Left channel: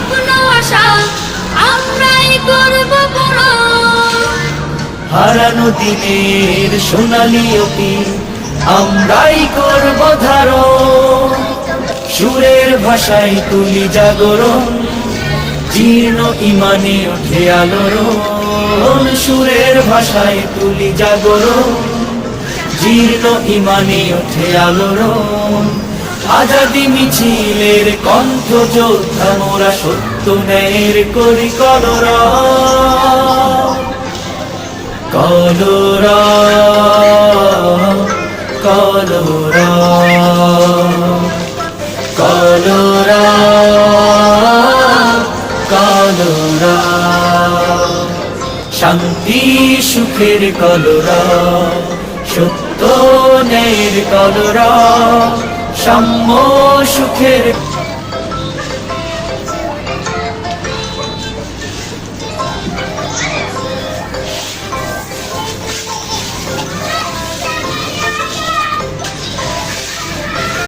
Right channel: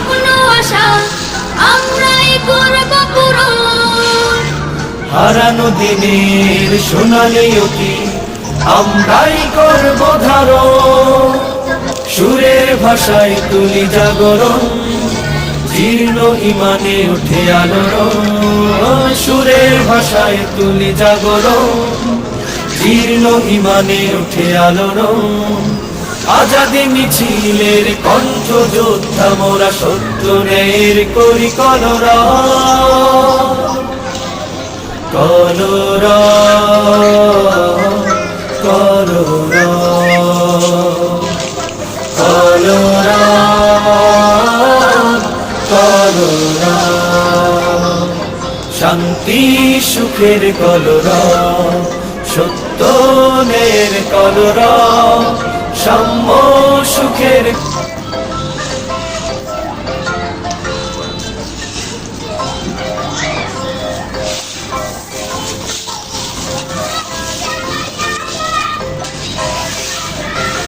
স্বপ্ন আশা আমরাই করব পূরণ। হারানো দিনের সোনালি অতীত আমরাই করব ধারণ। সুরের ভাষায় তুলি জাগরণ, জীর্ণ ইমানে ওঠে আলোড়ন। সুরের ভাষায় তুলি জাগরণ, জীর্ণ ইমানে ওঠে আলোড়ন। আজাদি মিছিলের কণ্ঠ যোদ্ধা মোরা, সত্য ন্যায়ের করি কলরব। কলরব কলরব কলরব কলরব। শান্তি সুখের কলরব, সত্য ন্যায়ের কলরব, সাম্য সুখের